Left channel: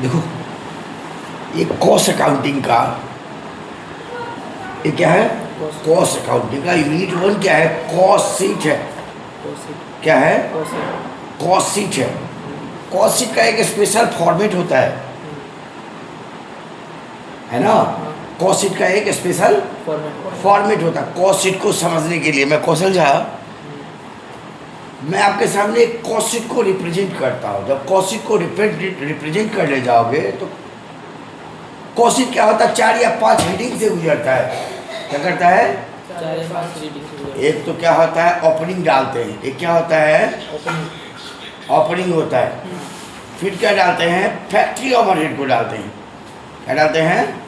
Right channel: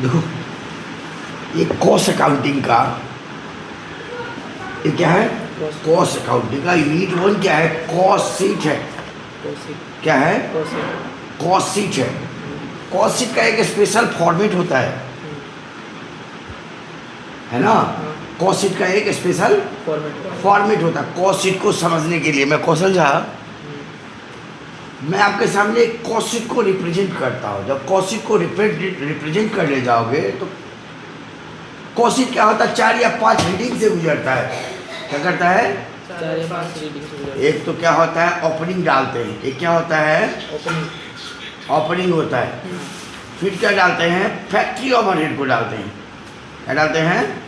देखो, ये cost accounting का, ये क्या है? कॉस्ट अकाउंटिंग का यूनिट 1 क्या है? कॉस्ट शीट है। क्या है? कॉस्ट शीट है। कॉस्ट शीट का एक स्पेशल फॉर्मेट होता है ना? कॉस्ट शीट का एक स्पेशल फॉर्मेट होता है। कॉस्ट शीट को समझने के लिए मैं कौशल झा, मैं आपके सामने एक कॉस्ट शीट को रिप्रेजेंट करता हूँ। जब कॉस्ट शीट को रिप्रेजेंट करने जाओगे तो कॉस्ट शीट क्या होता है? 4 या 5 हेडिंग से गुजरता है। क्या करता है? 4 या 5 रीडिंग। एक तो क्या होता है? ओपनिंग डालते हैं। एक क्या होता है? ओपनिंग होता है। फिर क्या डालते हैं? फैक्ट्री ओवरहेड को डालते हैं। क्या डालते हैं?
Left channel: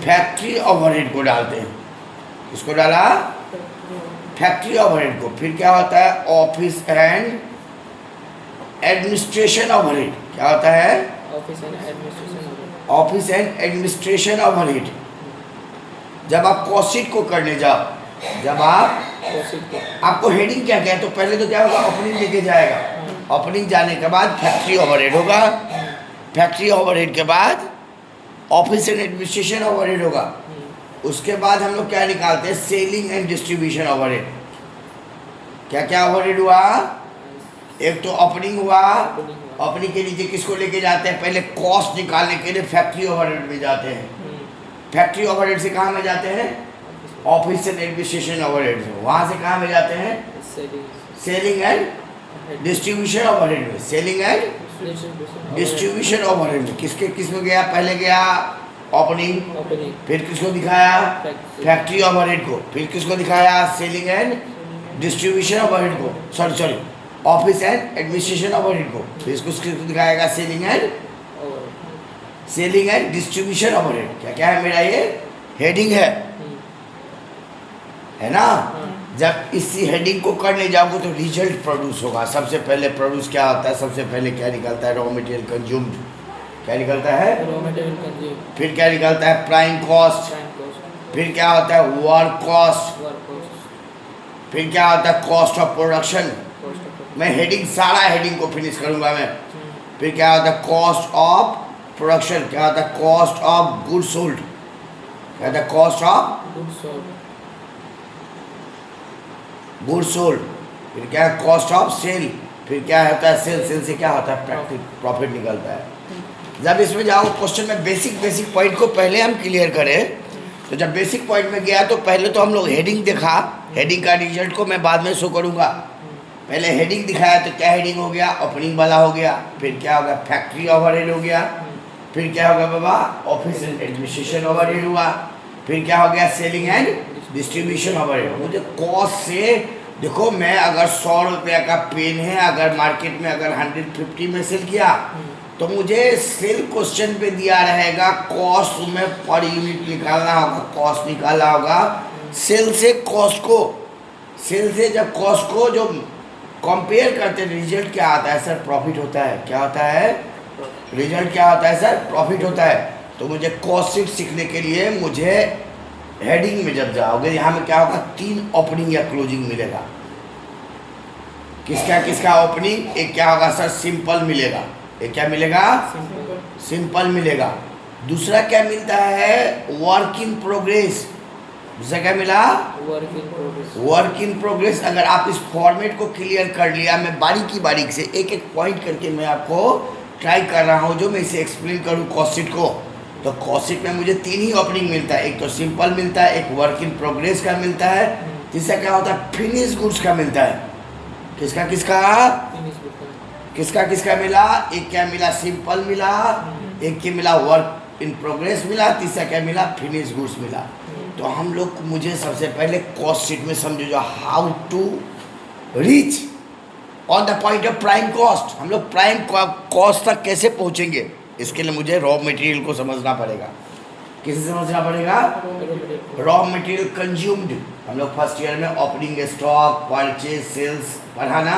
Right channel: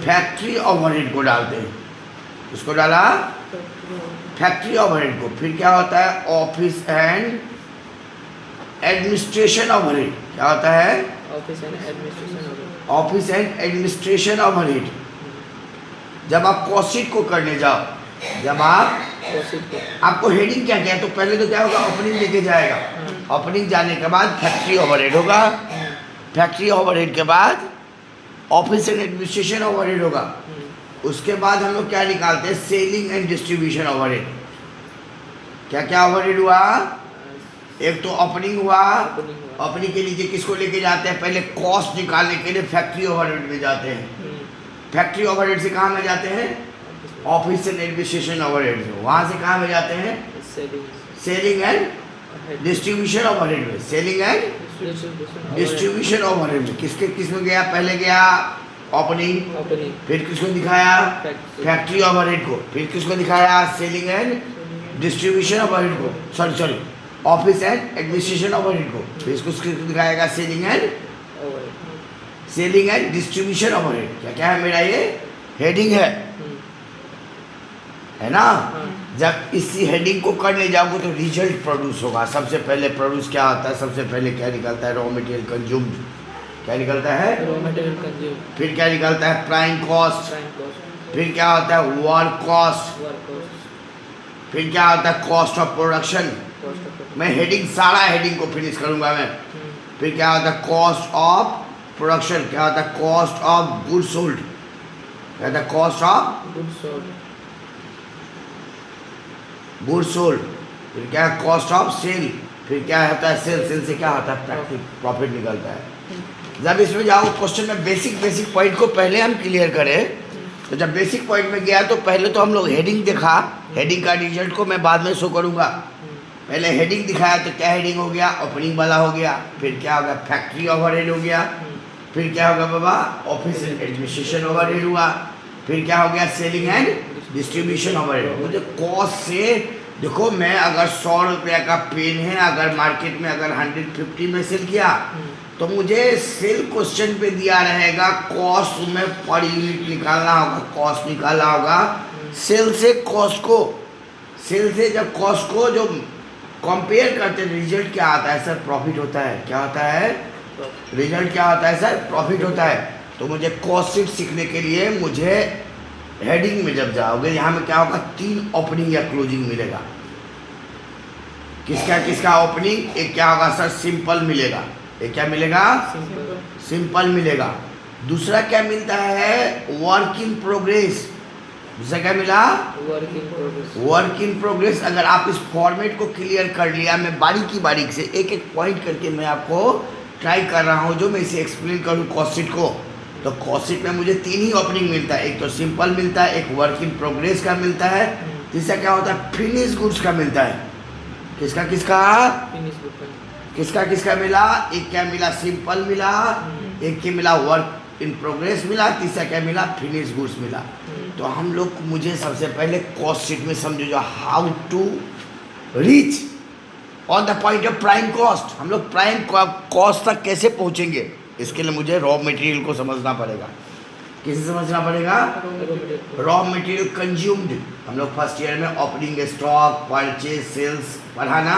फैक्ट्री ओवरहेड को डालते हैं। इसको डाला फैक्ट्री ओवरहेड को। फिर क्या होता है? Office and administration overhead. क्या होता है? Office and administration overhead. जब आप कॉस्ट शीट को करने जाओ, जब आपको हेडिंग क्या क्या है, तो पहले तो क्या होगा? ओपनिंग लेके जाएगा। ओपनिंग जाने के बाद फैक्ट्री ओवरहेड होगा। फैक्ट्री ओवरहेड के बाद ऑफिस एंड एडमिनिस्ट्रेशन ओवरहेड होगा। उसके बाद हम लोग क्या निकालते हैं? Selling and distribution overhead. क्या क्या ओवरहेड हुआ? एक तो ओपनिंग हुआ। ओपनिंग के नीचे किसको लेके जाते हैं? पहले कॉस्ट निकालने के लिए फैक्ट्री ओवरहेड में जाते हैं। फैक्ट्री ओवरहेड से कहाँ में जाते हैं? ऑफिस एंड एडमिनिस्ट्रेशन ओवरहेड से। वहाँ से कहाँ में जाते हैं? सेलिंग एंड डिस्ट्रीब्यूशन ओवरहेड में। सेलिंग एंड डिस्ट्रीब्यूशन ओवरहेड में किस में गया? पहले गया ओपनिंग। फिर किसको दिखाया? फैक्ट्री ओवरहेड को। फिर किसको दिखाया? सेलिंग एंड डिस्ट्रीब्यूशन ओवरहेड को। Sorry office and administration overhead को। फिर इसको दिखाएगा सेलिंग एंड डिस्ट्रीब्यूशन ओवरहेड। क्या क्या है मेरा? ये हेडिंग है ना? जब इसी हेडिंग को करने जाओगे तो रिजल्ट प्रोड्यूस होगा। सबसे पहले प्रोड्यूस क्या होता है? सबसे पहले क्या निकलता है? Raw material consumed. क्या निकलता है? Raw material consumed. फिर क्या निकलता है? Prime cost. फिर क्या होता है? Work cost. फिर क्या होता है? Cost of production. मैं हेडिंग, सारा हेडिंग को फिनिश करूंगा मैं। फिर क्या होता है? Cost of production. क्या होता है? Cost of good sold. क्या होता है? Cost of good sold. फिर क्या है? Cost of sale. फिर क्या होता है? सेल से क्या होता है? प्रॉफिट निकलता है। जब इसमें जाओ क्वेश्चन में बेसिक पॉइंट को पहले हम क्लियर करें, तो जब बेसिक पॉइंट में गया तो पहले तो हम लोग हेडिंग देखा। हेडिंग का रिजल्ट को मैं बाद में शो करूंगा। पहले हेडिंग दिखाया तो क्या हेडिंग हो गया? ओपनिंग वाला हो गया। फिर क्या होगा? फैक्ट्री ओवरहेड हो गया। फिर क्या होगा बाबा? ऑफिस एंड एडमिनिस्ट्रेशन ओवरहेड हुआ। फिर क्या हो गया? Selling and distribution overhead. मुझे कॉस्ट से देखो, मैं अगर 100 रुपया का पेन है, अगर मार्केट में अगर 150 में सेल किया तो मुझे सेल क्वेश्चन पे दिया रहेगा कॉस्ट में पर यूनिट निकालना होगा। कॉस्ट निकालना होगा सेल से कॉस्ट को। सेल से जब कॉस्ट को जो कंपेयर करते हैं, रिजल्ट क्या आता है? सर प्रॉफिट होता है। क्या होता है? रिजल्ट क्या होता है सर? प्रॉफिट होता है। तो मुझे कॉस्ट शीट सीखने के लिए मुझे हेडिंग में जब जाओगे, यहाँ में क्या होगा? 3 ओपनिंग या क्लोजिंग मिलेगा। किसका ओपनिंग? एक क्या होगा सर? सिंपल मिलेगा। एक क्या मिलेगा? सिंपल मिलेगा। दूसरा क्या मिलता है? Work in progress. दूसरा क्या मिला? Work in progress. अगर आप इस फॉर्मेट को क्लियर कर लिया, मैं बारीक से एक पॉइंट करके मैं आपको ट्राई कर रहा हूँ जो मैं इसे एक्सप्लेन करूँ कॉस्ट शीट को। तो कॉस्ट शीट में मुझे 3 ही ओपनिंग मिलता है। एक तो सिंपल मिलता है, एक वर्क इन प्रोग्रेस का मिलता है, तीसरा क्या होता है? फिनिश गुड्स का मिलता है। किसका मिला? एक क्या मिला? सिंपल मिला। एक क्या मिला? वर्क इन प्रोग्रेस मिला। तीसरा क्या मिला? फिनिश गुड्स मिला। तो हम लोग, मुझे सबसे पहले कॉस्ट शीट में समझो जो how to reach on the point of prime cost. हम लोग प्राइम कॉस्ट तक कैसे पहुंचेंगे, इसके लिए मुझे रॉ मटेरियल को समझना पड़ेगा। किसे समझना पड़ेगा? Raw material consumed. हम लोग फर्स्ट ईयर में ओपनिंग स्टॉक, परचेज, सेल्स पढ़ा ना,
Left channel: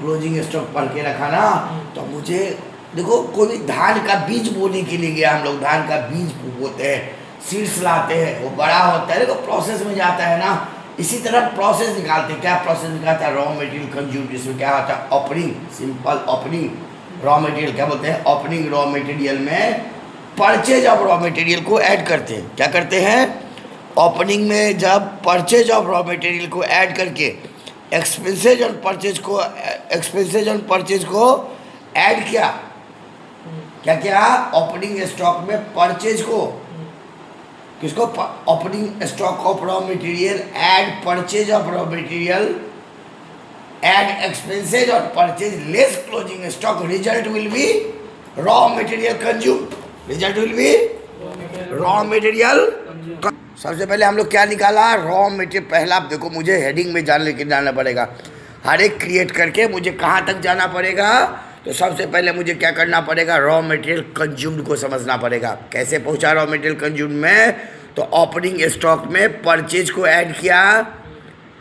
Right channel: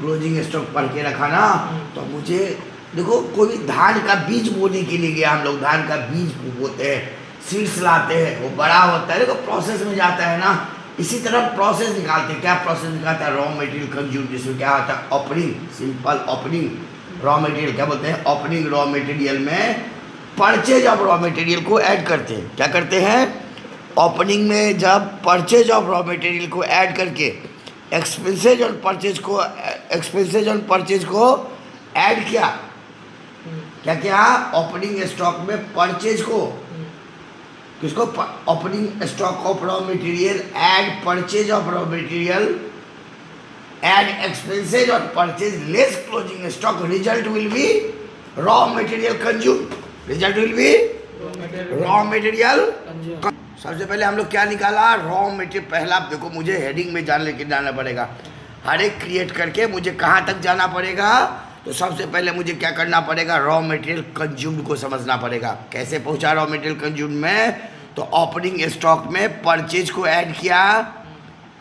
क्लोजिंग स्टॉक पढ़ के रखा ना। तो मुझे देखो, कोई धान का बीज बोने के लिए गया, हम लोग धान का बीज बोते हैं, सीड्स लाते हैं, वो बड़ा होता है, देखो प्रोसेस में जाता है ना। इसी तरह प्रोसेस निकालते हैं। क्या प्रोसेस निकालता है? रॉ मटेरियल कंज्यूम, जिसमें क्या होता है? Opening, simple opening, raw material क्या बोलते हैं, ओपनिंग रॉ मटेरियल में परचेज ऑफ रॉ मटेरियल को ऐड करते हैं। क्या करते हैं, ओपनिंग में जब परचेज ऑफ रॉ मटेरियल को ऐड करके एक्सपेंसेज और परचेज को ऐड किया, क्या क्या, ओपनिंग स्टॉक में परचेज को, किसको, opening stock of raw material add purchase of raw material add expenses और purchase less closing stock, result will B raw material consume, result will B raw material. सबसे पहले हम लोग क्या निकाला, रॉ मटेरियल। पहला आप देखो, मुझे हेडिंग में लेके जाना पड़ेगा, हर एक क्रिएट करके मुझे कहाँ तक जाना पड़ेगा। तो सबसे पहले मुझे क्या करना पड़ेगा, रॉ मटेरियल कंज्यूम्ड को समझना पड़ेगा। कैसे पहुंचा रॉ मटेरियल कंज्यूम्ड में, तो ओपनिंग स्टॉक में परचेज को ऐड किया,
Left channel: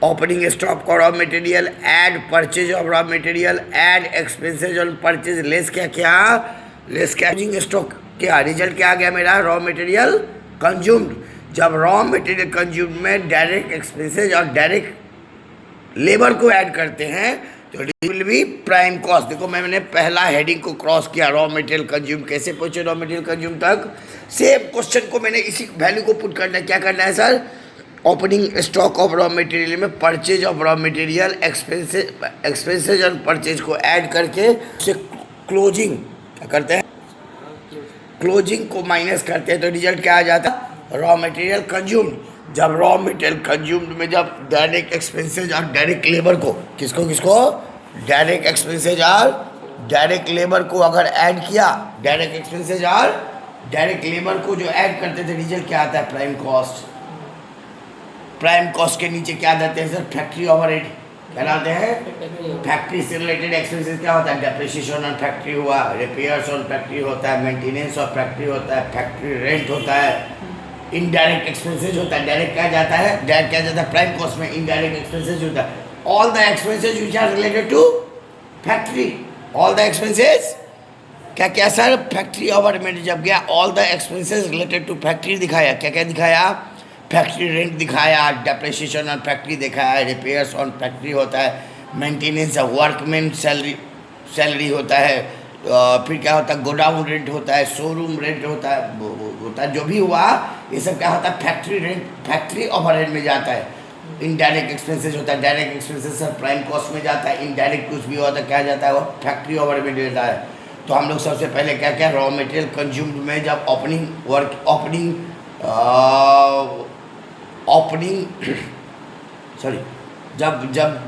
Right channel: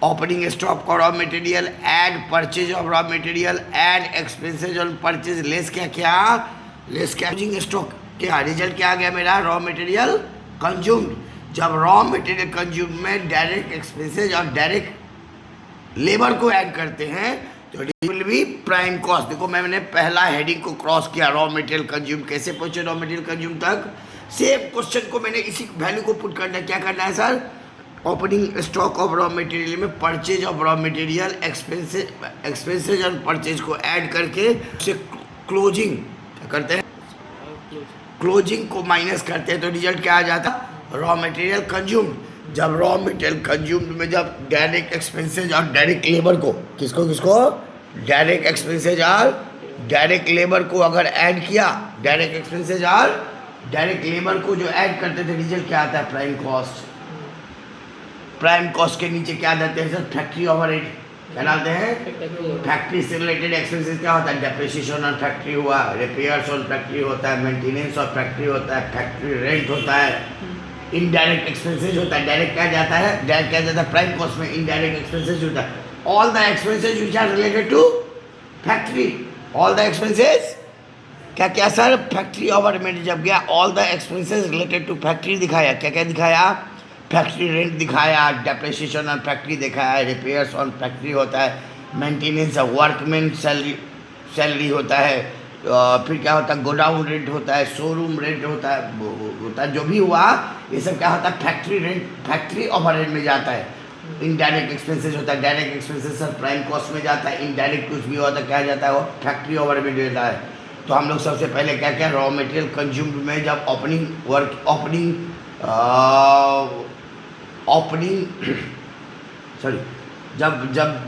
ओपनिंग स्टॉक का raw material add purchase of raw material add expenses on purchase less क्या क्या, लेस कैचिंग स्टॉक, क्या रिजल्ट क्या आ गया मेरा, रॉ मटेरियल कंज्यूम्ड। जब रॉ मटेरियल कंज्यूम्ड में डायरेक्ट एक्सपेंसेज और डायरेक्ट लेबर को ऐड करते हैं तो विल बी प्राइम कॉस्ट। देखो मैंने पहला हेडिंग को क्रॉस किया, रॉ मटेरियल कंज्यूम, कैसे पहुंचे रॉ मटेरियल कंज्यूम तक। सेम क्वेश्चन को मैंने इसी वैल्यू को पुट करना है। क्या करना है sir, opening stock of raw material में purchase of raw material expenses और परचेज को ऐड करके उसे क्लोजिंग क्या करते हैं, क्लोजिंग को माइनस करते हैं तो रिजल्ट क्या आ जाता है, रॉ मटेरियल कंज्यूम्ड। जब रॉ मटेरियल कंज्यूम्ड में जब डायरेक्ट एक्सपेंसेज और डायरेक्ट लेबर को, किसको किसको, डायरेक्ट एक्सपेंसेज और डायरेक्ट लेबर को अगर ऐड किया, डायरेक्ट एक्सपेंसेज और डायरेक्ट लेबर को जो ऐड करते थे, रिजल्ट क्या आता है, प्राइम कॉस्ट। प्राइम कॉस्ट के नीचे क्या देते हैं सर, फैक्ट्री ओवरहेड। क्या डालते हैं, फैक्ट्री से रिलेटेड एक्सपेंसेस क्या होता है, डेप्रिसिएशन ऑन फैक्ट्री हुआ, रिपेयर्स ऑन फैक्ट्री होता है, मेंटेनेंस ऑफ फैक्ट्री होता है, फैक्ट्री रेंट होता है, इनडायरेक्ट एक्सपेंसेज होता है। डायरेक्ट क्या जाता है, डायरेक्ट क्या जाता है प्राइम कॉस्ट में, इनडायरेक्ट एक्सपेंसेज होता है। All the expenses which are related to factory, all the expenses क्या क्या सर, फैक्ट्री ओवरहेड में जब गया all the expenses related to factory दिखाया, क्या क्या दिखाया, फैक्ट्री रेंट दिखाया, डेप्रिसिएशन ऑन फैक्ट्री दिखाया, रिपेयर्स ऑन फैक्ट्री होता है, मेंटेनेंस ऑफ वर्कमैन सैलरी होता है, फिर क्या होता है, गोडाउन रेंट होता है, शोरूम रेंट होता है, जो भी हुआ ये सब क्या होता है, फैक्ट्री रेंट, फैक्ट्री ओवरहेड में जाता है। इनडायरेक्ट एक्सपेंसेस होता है, direct expenses sir prime cost में जाता है, इनडायरेक्ट कुछ भी होता है क्या जाता है, वो फैक्ट्री ओवरहेड में जाता है। तो हम लोग सबसे पहले क्या क्या, रॉ मटेरियल कंज्यूम्ड में जब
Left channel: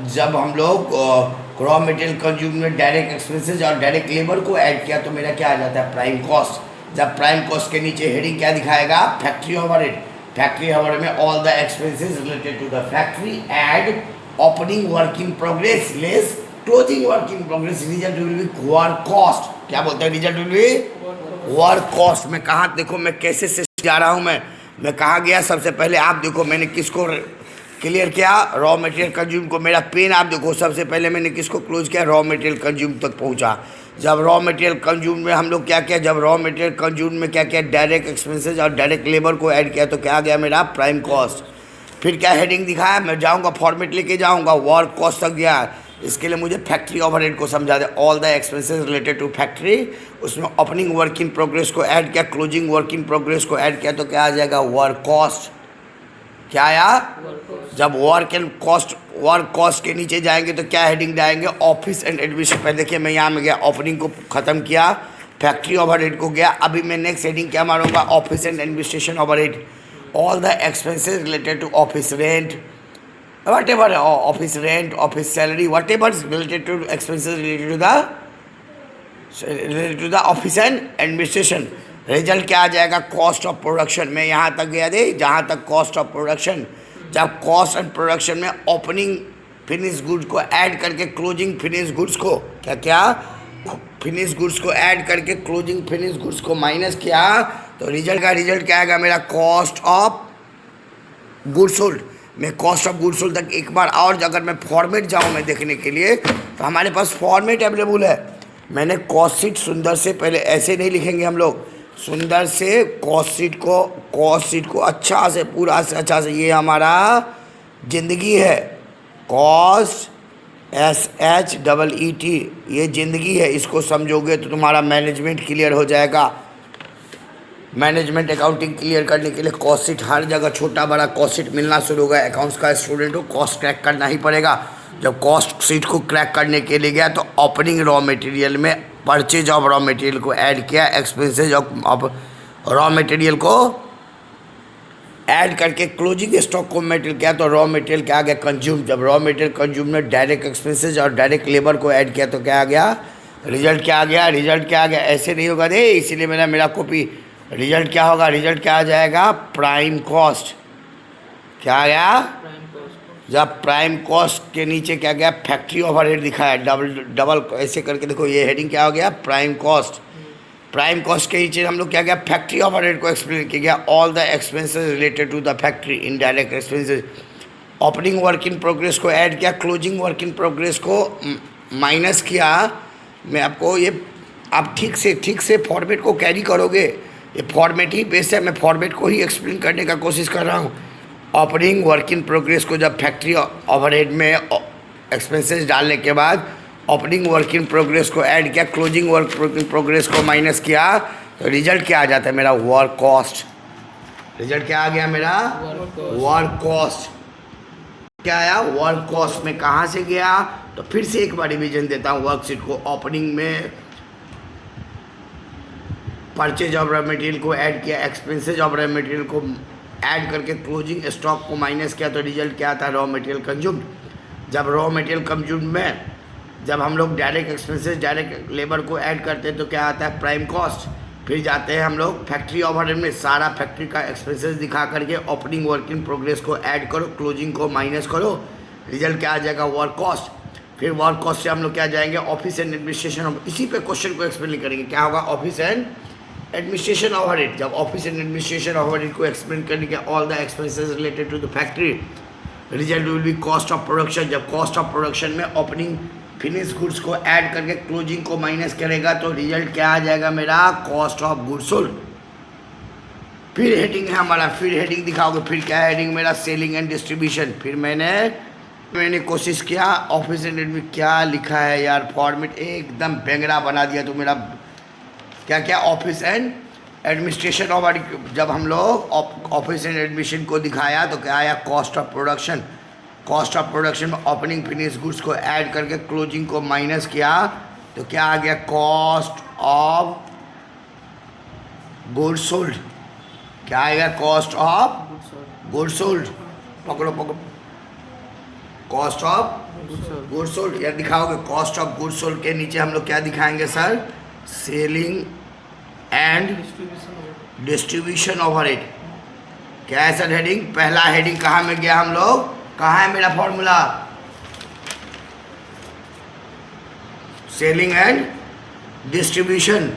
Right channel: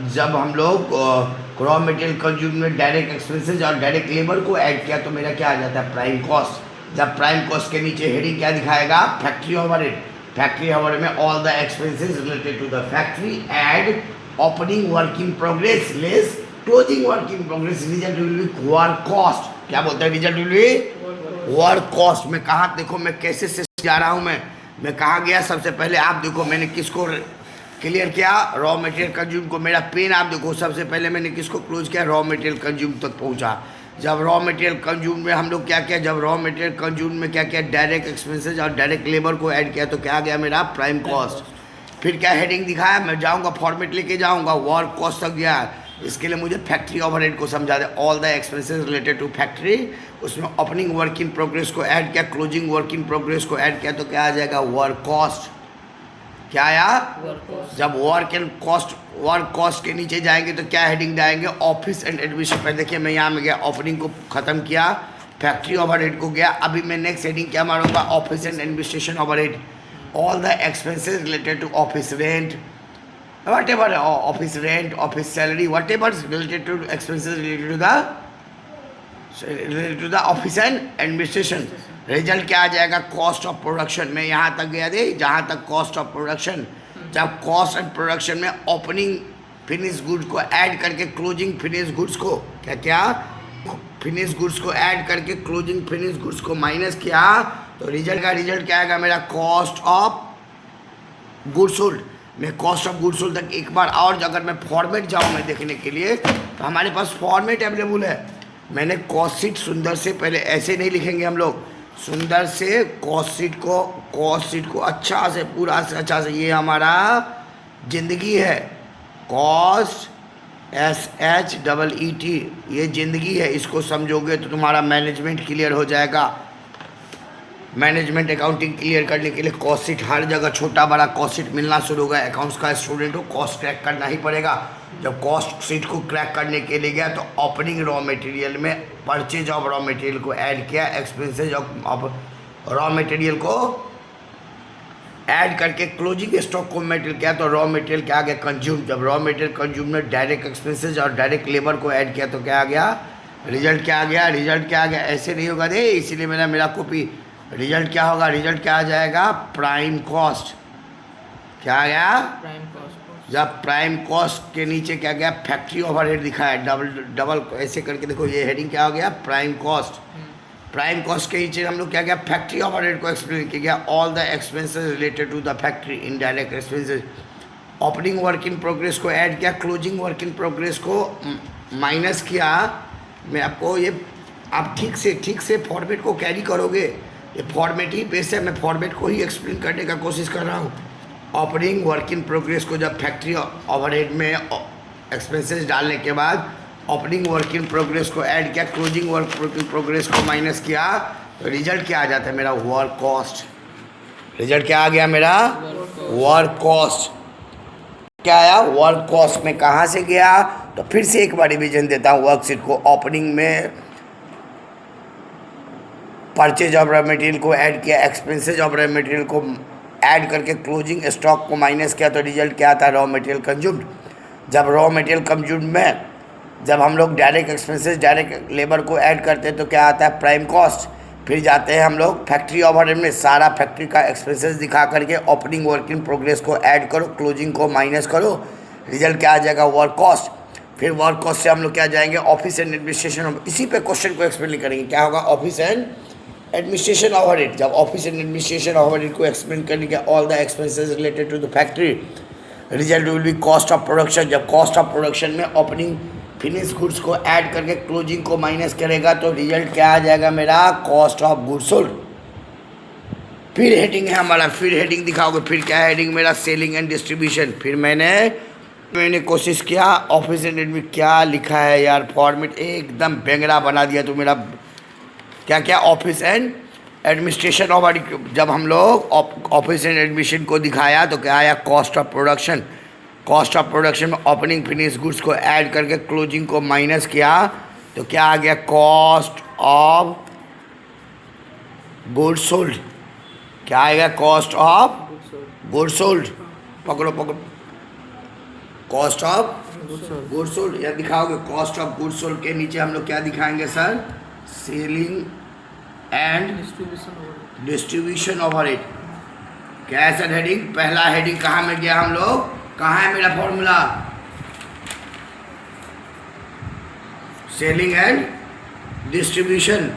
जब हम लोग रॉ मटेरियल कंज्यूम में डायरेक्ट एक्सपेंसेज और डायरेक्ट लेबर को ऐड किया तो मेरा क्या आ जाता है, प्राइम कॉस्ट। जब प्राइम कॉस्ट के नीचे हेडिंग क्या दिखाएगा, फैक्ट्री ओवरहेड। फैक्ट्री ओवरहेड में all the expenses related to the factory add opening work in progress less closing work in progress, result will be work cost. क्या बोलते हैं, result will be work cost. मैं कहाँ, देखो मैं कैसे से जा रहा हूँ, मैं कहाँ गया, सबसे पहले आप देखो मैंने किसको क्लियर किया, रॉ मटेरियल कंज्यूम को। मेरा पेन आप देखो, सबसे पहले मैंने किसको क्लोज किया, रॉ मटेरियल कंज्यूम तक पहुंचा। जब रॉ मटेरियल कंज्यूम में हम लोग क्या किया, जब रॉ मटेरियल कंज्यूम में क्या किया, डायरेक्ट एक्सपेंसेज और डायरेक्ट लेबर को ऐड किया तो क्या आ गया मेरा, प्राइम कॉस्ट। फिर क्या हेडिंग दिखाया, मैं जाऊंगा फॉर्मेट लेके जाऊंगा, वर्क कॉस्ट तक गया। इसके लिए मुझे फैक्ट्री ओवरहेड को समझा दे, all the expenses related to factory, उसमें ओपनिंग वर्क इन प्रोग्रेस को ऐड किया, क्लोजिंग वर्क इन प्रोग्रेस को ऐड किया तो क्या आ जाएगा, वर्क कॉस्ट। क्या आया, जब वर्क कॉस्ट के नीचे जाएंगे तो क्या हेडिंग जाएंगे, ऑफिस एंड एडमिनिस्ट्रेशन। पहले देखिए मैं यहाँ में गया, ओपनिंग को ख़त्म किया, फैक्ट्री ओवरहेड को गया। अभी मैं नेक्स्ट हेडिंग क्या मारूंगा, office and administration overhead, all the expenses related to office rent, whatever, office rent, office salary, whatever is related to expenses related to the office and administration। Result क्या आ जाएगा, cost of production. में यहाँ तक गया दे, जहाँ तक cost of production. जब कॉस्ट ऑफ प्रोडक्शन में ओपनिंग फिनिश गुड्स को ऐड करके क्लोजिंग फिनिश गुड्स को क्या क्या, फिनिश गुड्स को ऐड करके क्लोजिंग फिनिश गुड्स को माइनस किया तो रिजल्ट क्या आएगा मेरा, कॉस्ट ऑफ गुड्स सोल्ड। मैं कॉस्ट ऑफ गुड्स सोल्ड तक एक बार और अगर मैं फॉर्मेट जाऊँ मैं देखने के लिए तो हमारे पास फॉर्मेट अवेलेबल है। मैंने कॉस्ट शीट सुंदर से, पहले ऐसे नहीं लिखेंगे हम लोग, सुंदर से कॉस्ट शीट को अच्छा से पूरा से अच्छा से, ये हमारा ज़िंदगी है, कॉस्ट SHEET, ये ज़िंदगी है, इसको समझोगे तो तुम्हारा मैनेजमेंट क्लियर हो जाएगा। मैनेजमेंट अकाउंटिंग क्लियर करने के लिए कॉस्ट शीट, हर जगह छोटा बड़ा कॉस्ट शीट मिलना शुरू होगा। अकाउंट्स का स्टूडेंट हो, कॉस्ट क्रैक करना ही पड़ेगा। जब कॉस्ट शीट को क्रैक करने के लिए गया तो ओपनिंग रॉ मटेरियल में परचेज ऑफ रॉ मटेरियल को ऐड किया, एक्सपेंसेज ऑफ रॉ मटेरियल को ऐड करके क्लोजिंग स्टॉक को मटेरियल किया, तो रॉ मटेरियल क्या आ गया, कंज्यूम। जब रॉ मटेरियल कंज्यूम में डायरेक्ट एक्सपेंसेज और डायरेक्ट लेबर को ऐड किया तो क्या आ गया, रिजल्ट क्या आ गया, रिजल्ट क्या आ गया। ऐसे नहीं होगा रे, इसीलिए मेरा कॉपी। रिजल्ट क्या होगा, रिजल्ट क्या आ जाएगा, प्राइम कॉस्ट। क्या आ गया, प्राइम कॉस्ट। जब प्राइम कॉस्ट के नीचे क्या गया, फैक्ट्री ओवरहेड लिखा है, डबल ऐसे करके देखो, ये हेडिंग क्या हो गया, प्राइम कॉस्ट। प्राइम कॉस्ट के नीचे हम लोग क्या गया, फैक्ट्री ओवरहेड को एक्सप्लेन किया गया, all the expenses related to the factory, indirect expenses. Opening work in progress को ऐड किया, क्लोजिंग वर्क इन प्रोग्रेस को माइनस किया। मैं आपको ये, आप ठीक से फॉर्मेट को कैरी करोगे, ये फॉर्मेट ही बेस है, मैं फॉर्मेट को ही एक्सप्लेन करने का कोशिश कर रहा हूँ। ओपनिंग वर्क इन प्रोग्रेस को जब फैक्ट्री ओवरहेड में एक्सपेंसेस डालने के बाद ओपनिंग वर्क इन प्रोग्रेस को ऐड किया, क्लोजिंग वर्क इन प्रोग्रेस को माइनस किया, तो रिजल्ट क्या आ जाता है मेरा, वर्क कॉस्ट। रिजल्ट क्या आ गया मेरा, वर्क कॉस्ट। क्या आया, वर्क कॉस्ट में कहाँ से गया, तो फिर से एक बार रिवीजन देता हूँ वर्कशीट को। ओपनिंग में परचेज ऑफ रॉ मटेरियल को ऐड किया, एक्सपेंसेज ऑफ रॉ मटेरियल को ऐड करके क्लोजिंग स्टॉक को माइनस किया, तो रिजल्ट क्या आता है, रॉ मटेरियल कंज्यूम्ड। जब रॉ मटेरियल कंज्यूम्ड में जब हम लोग डायरेक्ट एक्सपेंसेस डायरेक्ट लेबर को ऐड करते हैं तो क्या आता है, प्राइम कॉस्ट। फिर जाते हैं हम लोग फैक्ट्री ओवरहेड में, सारा फैक्ट्री का एक्सपेंसेस दिखा करके ओपनिंग वर्क इन प्रोग्रेस को ऐड करो, क्लोजिंग को माइनस करो, रिजल्ट क्या आ जाएगा, वर्क कॉस्ट। फिर वर्क कॉस्ट से हम लोग क्या जाएंगे, ऑफिस एंड एडमिनिस्ट्रेशन। इसी पे क्वेश्चन को एक्सप्लेन करेंगे, क्या होगा, ऑफिस एंड एडमिनिस्ट्रेशन ओवरहेड। जब ऑफिस एंड एडमिनिस्ट्रेशन ओवरहेड को एक्सप्लेन करने के, all the expenses related to the factory, result will be cost of production. जब कॉस्ट ऑफ प्रोडक्शन में ओपनिंग फिनिश गुड्स को ऐड करके क्लोजिंग को माइनस करेगा तो रिजल्ट क्या आ जाएगा मेरा, कॉस्ट ऑफ गुड्स सोल्ड। फिर हेडिंग है हमारा, फिर हेडिंग दिखाओगे, फिर क्या है हेडिंग मेरा, सेलिंग एंड डिस्ट्रीब्यूशन। फिर मैंने कोशिश किया, ऑफिस एंड एडमिन क्या लिखा है यार, फॉर्मेट एकदम बेंगरा बना दिया तो मेरा। क्या क्या, ऑफिस एंड एडमिनिस्ट्रेशन ओवरहेड। जब हम लोग ऑफिस एंड एडमिशन को दिखाया तो क्या आया, cost of production. Cost of production में ओपनिंग फिनिश गुड्स को ऐड करके क्लोजिंग को माइनस किया तो क्या आ गया, कॉस्ट ऑफ गुड्स सोल्ड। क्या आएगा, कॉस्ट ऑफ गुड्स सोल्ड। पकड़ो, कॉस्ट ऑफ गुड्स सोल्ड या दिखाओगे, कॉस्ट ऑफ गुड्स सोल्ड के नीचे हम लोग क्या दिखाएंगे sir, selling and distribution overhead. क्या है सर हेडिंग, पहला हेडिंग कहाँ में गया हम लोग, कहाँ है मेरा formula, selling and distribution.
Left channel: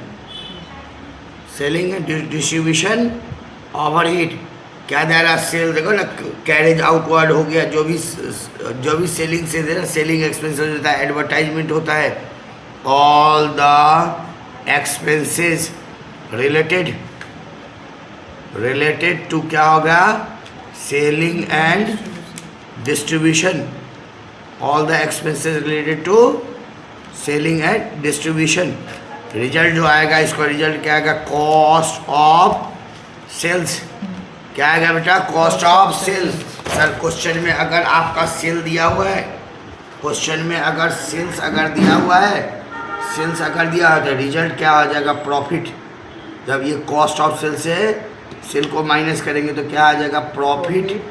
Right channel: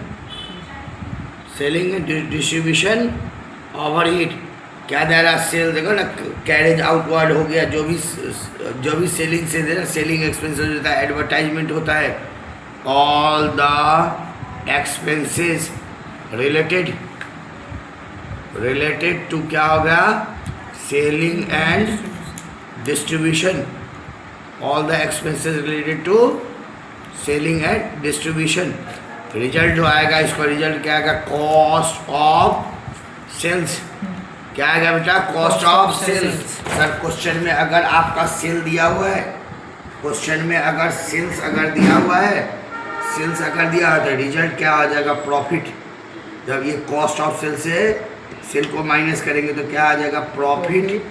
Selling and distribution overhead क्या दे रहा, सेल देखो ना, कैरेज आउटवर्ड हो गया, जो भी सेलिंग से दे रहा, सेलिंग एक्सपेंसेस होता है, एडवर्टाइजमेंट होता है, all the expenses related to क्या होगा, selling and distribution. All the expenses related to selling and distribution. Result जो आएगा इसको, रिजल्ट क्या आएगा, कॉस्ट ऑफ सेल्स। क्या आएगा बेटा, cost of sales. Sir question में अगर आपका सेल दिया हुआ है, क्वेश्चन में अगर सेल्स अगर दिया हुआ है, सेल्स अगर दिया है तो रिजल्ट क्या आ जाएगा, प्रॉफिट। जब ये कॉस्ट ऑफ सेल से सेल को माइनस करेंगे तो क्या आ जाएगा, profit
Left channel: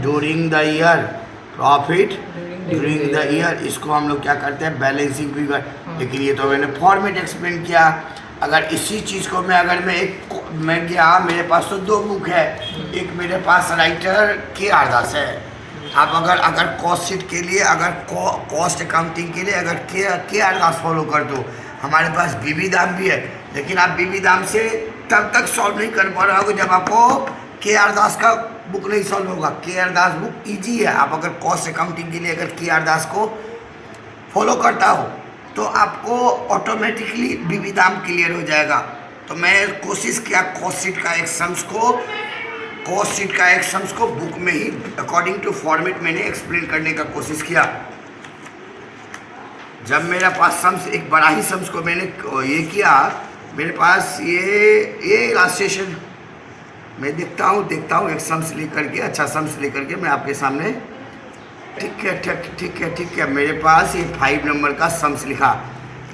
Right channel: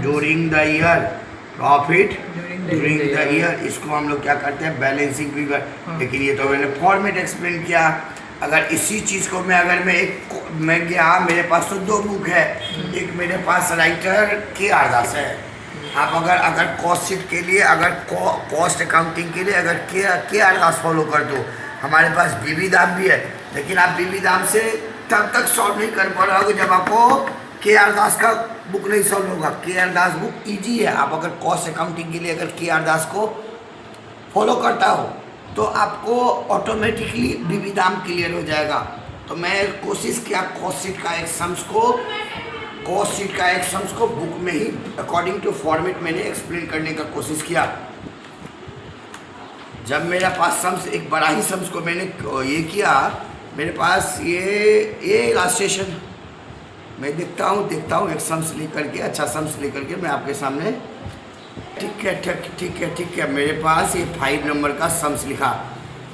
during the year. Profit during the year, इसको हम लोग क्या करते हैं, बैलेंसिंग फिगर। लेकिन ये तो मैंने फॉर्मेट एक्सप्लेन किया। अगर इसी चीज़ को मैं गया, मेरे पास तो दो बुक है, एक मेरे पास राइटर के आर दास है। आप अगर कॉस्ट शीट के लिए, अगर कॉस्ट अकाउंटिंग के लिए अगर के आर दास फॉलो कर दो, हमारे पास बीबी दाम भी है, लेकिन आप बीबी दाम से तब तक सॉल्व नहीं कर पा रहे हो जब आपको के आर दास का बुक नहीं सॉल्व होगा। के आर दास बुक इजी है, आप अगर कॉस्ट अकाउंटिंग के लिए अगर के आर दास को फॉलो करता हो तो आपको ऑटोमेटिकली बीबी दाम क्लियर हो जाएगा। तो मैं कोशिश किया कॉस्ट शीट का एक सम्स को बुक में ही अकॉर्डिंग टू फॉर्मेट मैंने एक्सप्लेन करने का कोशिश किया। जब मेरे पास सम्स, एक बड़ा ही सम्स को मैंने ये किया, मेरे पास ये इलास्ट्रेशन मैं देखता हूँ एक सम्स लेकर के, अच्छा सम्स लेकर के मैं आपके सामने, ठीक है। मेरे पास ये 5 नंबर का सम्स लिखा,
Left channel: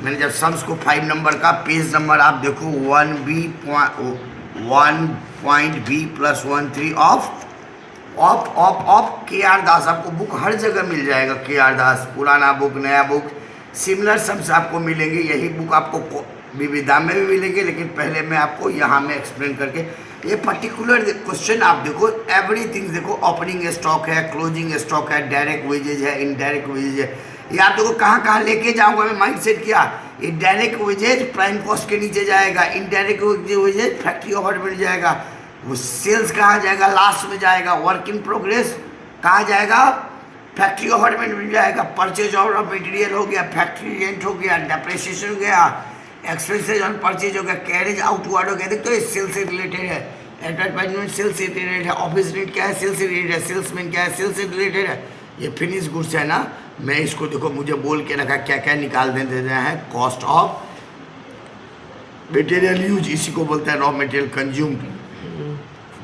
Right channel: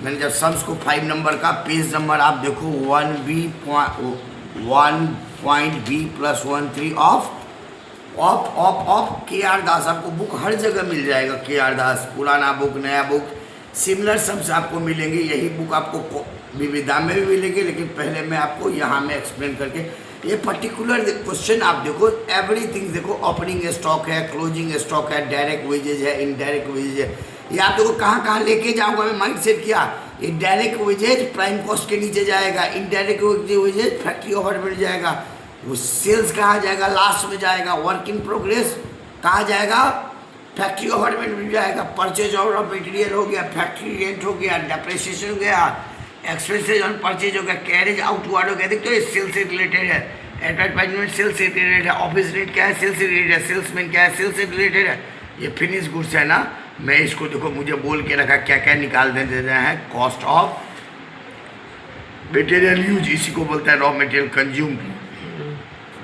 मैंने जब सम्स को 5 नंबर का पेज नंबर आप देखो 1.B+13 ऑफ के आर दास, आपको बुक हर जगह मिल जाएगा। के आर दास, पुराना बुक, नया बुक, सिमिलर सम्स आपको मिलेंगे। यही बुक आपको विविधा में भी मिलेंगे, लेकिन पहले मैं आपको यहाँ में एक्सप्लेन करके ये पर्टिकुलर क्वेश्चन आप देखो, एवरीथिंग देखो, ओपनिंग स्टॉक है, क्लोजिंग स्टॉक है, डायरेक्ट वेजेज है, इनडायरेक्ट वेजेज है। ये आप देखो कहाँ लेके जाऊँगा मैं, माइंड सेट किया। ये डायरेक्ट वेजेज प्राइम कॉस्ट के नीचे जाएगा, इनडायरेक्ट वेजेज फैक्ट्री ओवरहेड जाएगा, वो सेल्स कहाँ जाएगा, लास्ट में जाएगा। वर्क इन प्रोग्रेस कहाँ जाएगा, फैक्ट्री ओवरहेड मिल जाएगा। परचेज ऑफ मटेरियल हो गया, फैक्ट्री रेंट हो गया, डेप्रिसिएशन हो गया, एक्सपेंसेज ऑन परचेज हो गया, कैरेज आउटवर्ड हो गया। देखते हो ये सेल्स से रिलेटेड है, एडवर्टाइजमेंट सेल्स से रिलेटेड है, ऑफिस रेंट क्या है, सेल्स से रिलेटेड है, सेल्समैन क्या है, सेल्स से रिलेटेड है। ये फिनिश गुड्स है ना, मैं इसको देखो मुझे बोल के रखा क्या क्या निकाल दे रहा है, कॉस्ट ऑफ मटेरियल यूज, इसी को बोलता है रॉ मटेरियल कंज्यूम।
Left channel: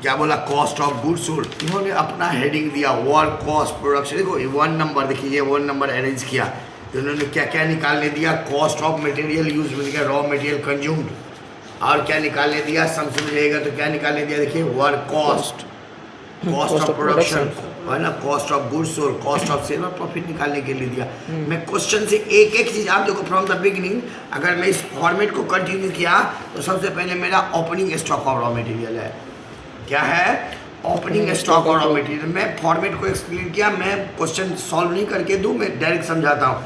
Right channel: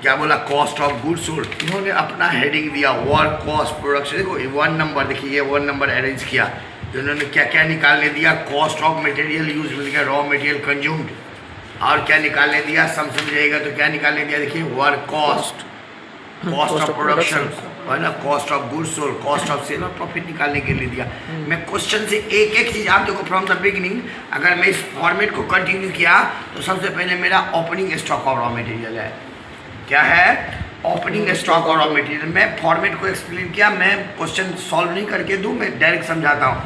क्या बोला, कॉस्ट ऑफ गुड्स सोल्ड। इन्होंने अपना हेडिंग दिया वर्क कॉस्ट प्रोडक्शन, देखो 1 नंबर, देखिए ये 1 नंबर अरेंज किया, तो इन्होंने क्या क्या निकालने दिया, कॉस्ट ऑफ मटेरियल यूज मिल गया, रॉ मटेरियल कंज्यूम्ड, और क्या निकालने दिया, समझिएगा तो क्या निकालने दिया, देखिए work cost, cost of production है ना, cost of goods sold, cost of sale और प्रॉफिट निकालने के लिए दिया। मैं क्वेश्चन से एक एक चीज़ आप देखो फ्रॉम द बिगिनिंग, अगर मैं इस फॉर्मेट को कंटिन्यू किया तो सबसे पहले मेरा opening stock of raw material है, क्या है, ओपनिंग स्टॉक और रॉ मटेरियल। मैं फॉर्मेट को एक्सप्लेन किया, मैं क्वेश्चन सॉल्व नहीं करके दूं, मैं डायरेक्ट समझाता हूँ।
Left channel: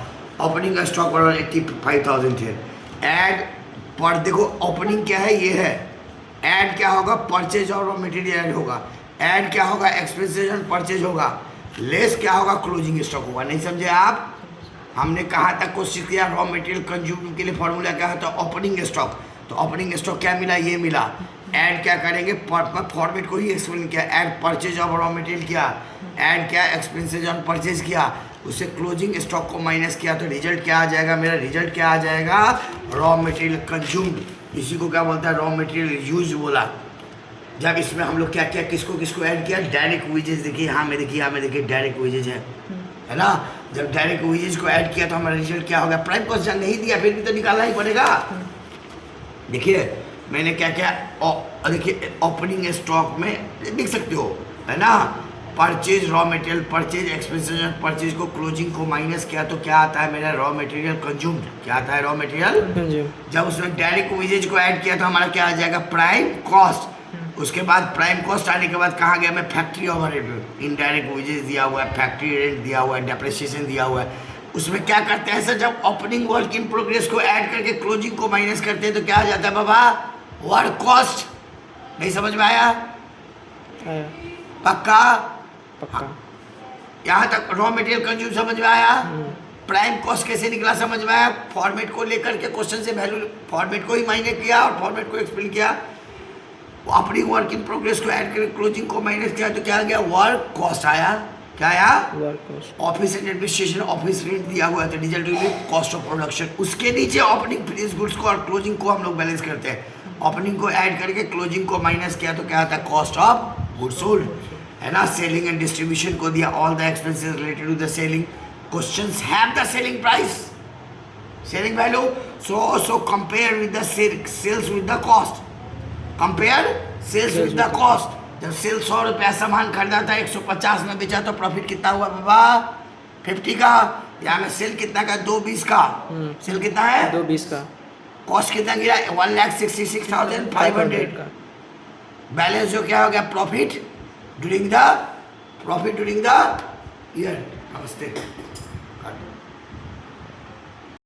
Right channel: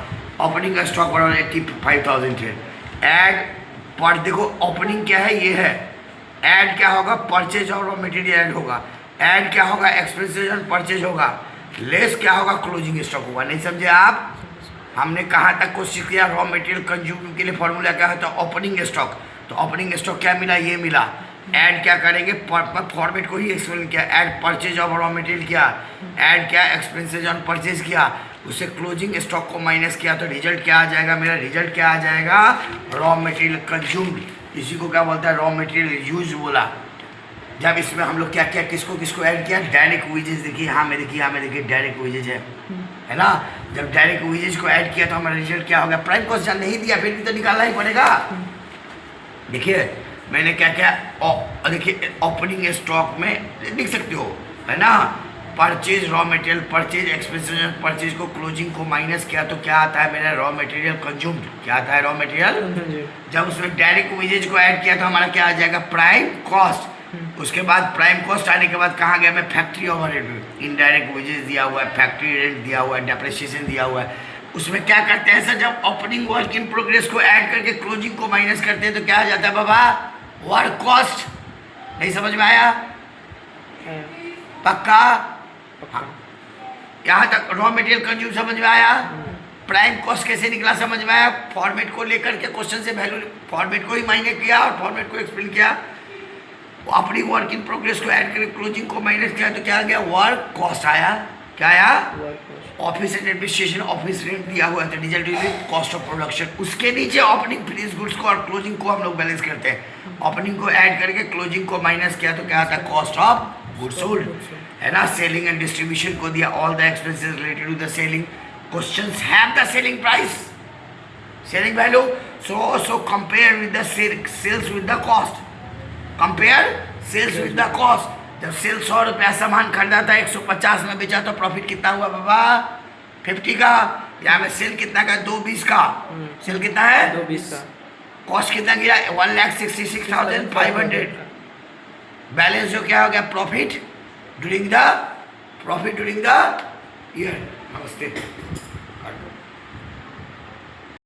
ओपनिंग स्टॉक और 85,000 थे, ऐड पर देखो ओपनिंग क्या है, ये है, ऐड क्या होगा, परचेज और रॉ मटेरियल ऐड होगा, ऐड क्या होगा, एक्सपेंसेस ऑन परचेज होगा, लेस क्या होगा, क्लोजिंग स्टॉक होगा। नहीं समझे आप, हमने कहाँ तक कोशिश किया, रॉ मटेरियल कंज्यूम के लिए फॉर्मूला क्या होता है, ओपनिंग स्टॉक। तो ओपनिंग स्टॉक क्या मिला, ये मिला। ऐड क्या करेंगे, फॉर्मेट को ही एक्सप्लेन किया, add purchase of raw material किया, ऐड क्या, एक्सपेंसेज ऑन परचेज किया, उससे क्लोजिंग स्टॉक को माइनस किया, तो रिजल्ट क्या आ जाएगा, मेरा रिजल्ट क्या आ जाएगा, रॉ मटेरियल कंज्यूम्ड। इसी को क्या बोलता है, रॉ मटेरियल यूज बोला। जब इसमें हम लोग क्या क्या किसको ऐड किया, डायरेक्ट वेजेज, देखिए यहाँ में देखिए डायरेक्ट वेजेज है ना। जब डायरेक्ट वेजेज को ऐड किया तो हमारा रिजल्ट क्या हो गया, प्राइम कॉस्ट जब नहीं दिया फिर भी तो निकालना ही पड़ेगा। देखिए मैंने क्या क्या, देखिए ओपनिंग स्टॉक में देख सकते हो, है ना, purchase raw material, purchase expenses purchase को क्लोजिंग को माइनस किया तो क्या आता है, मेरा रॉ मटेरियल कंज्यूम्ड। क्या आता है, रॉ मटेरियल। जब उसमें डायरेक्ट वेजेज को ऐड किया तो हमारा क्या आ जाएगा, प्राइम कॉस्ट। उसके बाद प्राइम कॉस्ट आने के बाद कहाँ गया मैं, फैक्ट्री ओवरहेड, इनडायरेक्ट वेजेस दिया हुआ है, फैक्ट्री रेंट दिया हुआ है, डेप्रिसिएशन दिया हुआ है। उसमें क्या करते हैं सर, जब ओपनिंग वर्क इन प्रोग्रेस को ऐड करके क्लोजिंग को माइनस करते हैं तो क्या आ जाता है बाबा, वर्क कॉस्ट। नहीं समझ में आया, पक्का, यहाँ तक रॉ मटेरियल कंज्यूम समझ में आया। प्राइम कॉस्ट कैसे निकला समझ में आया, फॉर्मेट को लेकर के क्वेश्चन से वैल्यू फॉर्मेट को ही मायने किया और फॉर्मेट को एक्सप्लेन किया। अपनी वर्क इन प्रोग्रेस को ऐड करके क्लोजिंग को माइनस किया तो क्या आ गया, वर्क कॉस्ट आया। क्या आया, office and administration, office rent दिया हुआ है तो रिजल्ट कॉस्ट ऑफ प्रोडक्शन। उसके नीचे ओपनिंग फिनिश गुड्स को और क्लोजिंग को हम लोग बैलेंस करते हैं। ओपनिंग को ऐड करके क्लोजिंग को माइनस किया तो क्या आता है, कॉस्ट ऑफ गुड्स सोल्ड, है ना। सेलिंग एंड डिस्ट्रीब्यूशन को दिया, all the expenses related to the selling. Questions have the selling price, selling value, so compare with the sales with the cost, compare sales with the cost. जब sale 100 रुपया सामान खरीदा था 150 में बेचा तो प्रॉफिट कितना हुआ बाबा, 50 का। यहाँ में सेल कितना का, 220 का। सेल कितना है, 220 का। कॉस्ट कितना गया, 1,66,500। बैलेंस जो क्या हो गया, प्रॉफिट ड्यूरिंग द ईयर। नमस्ते।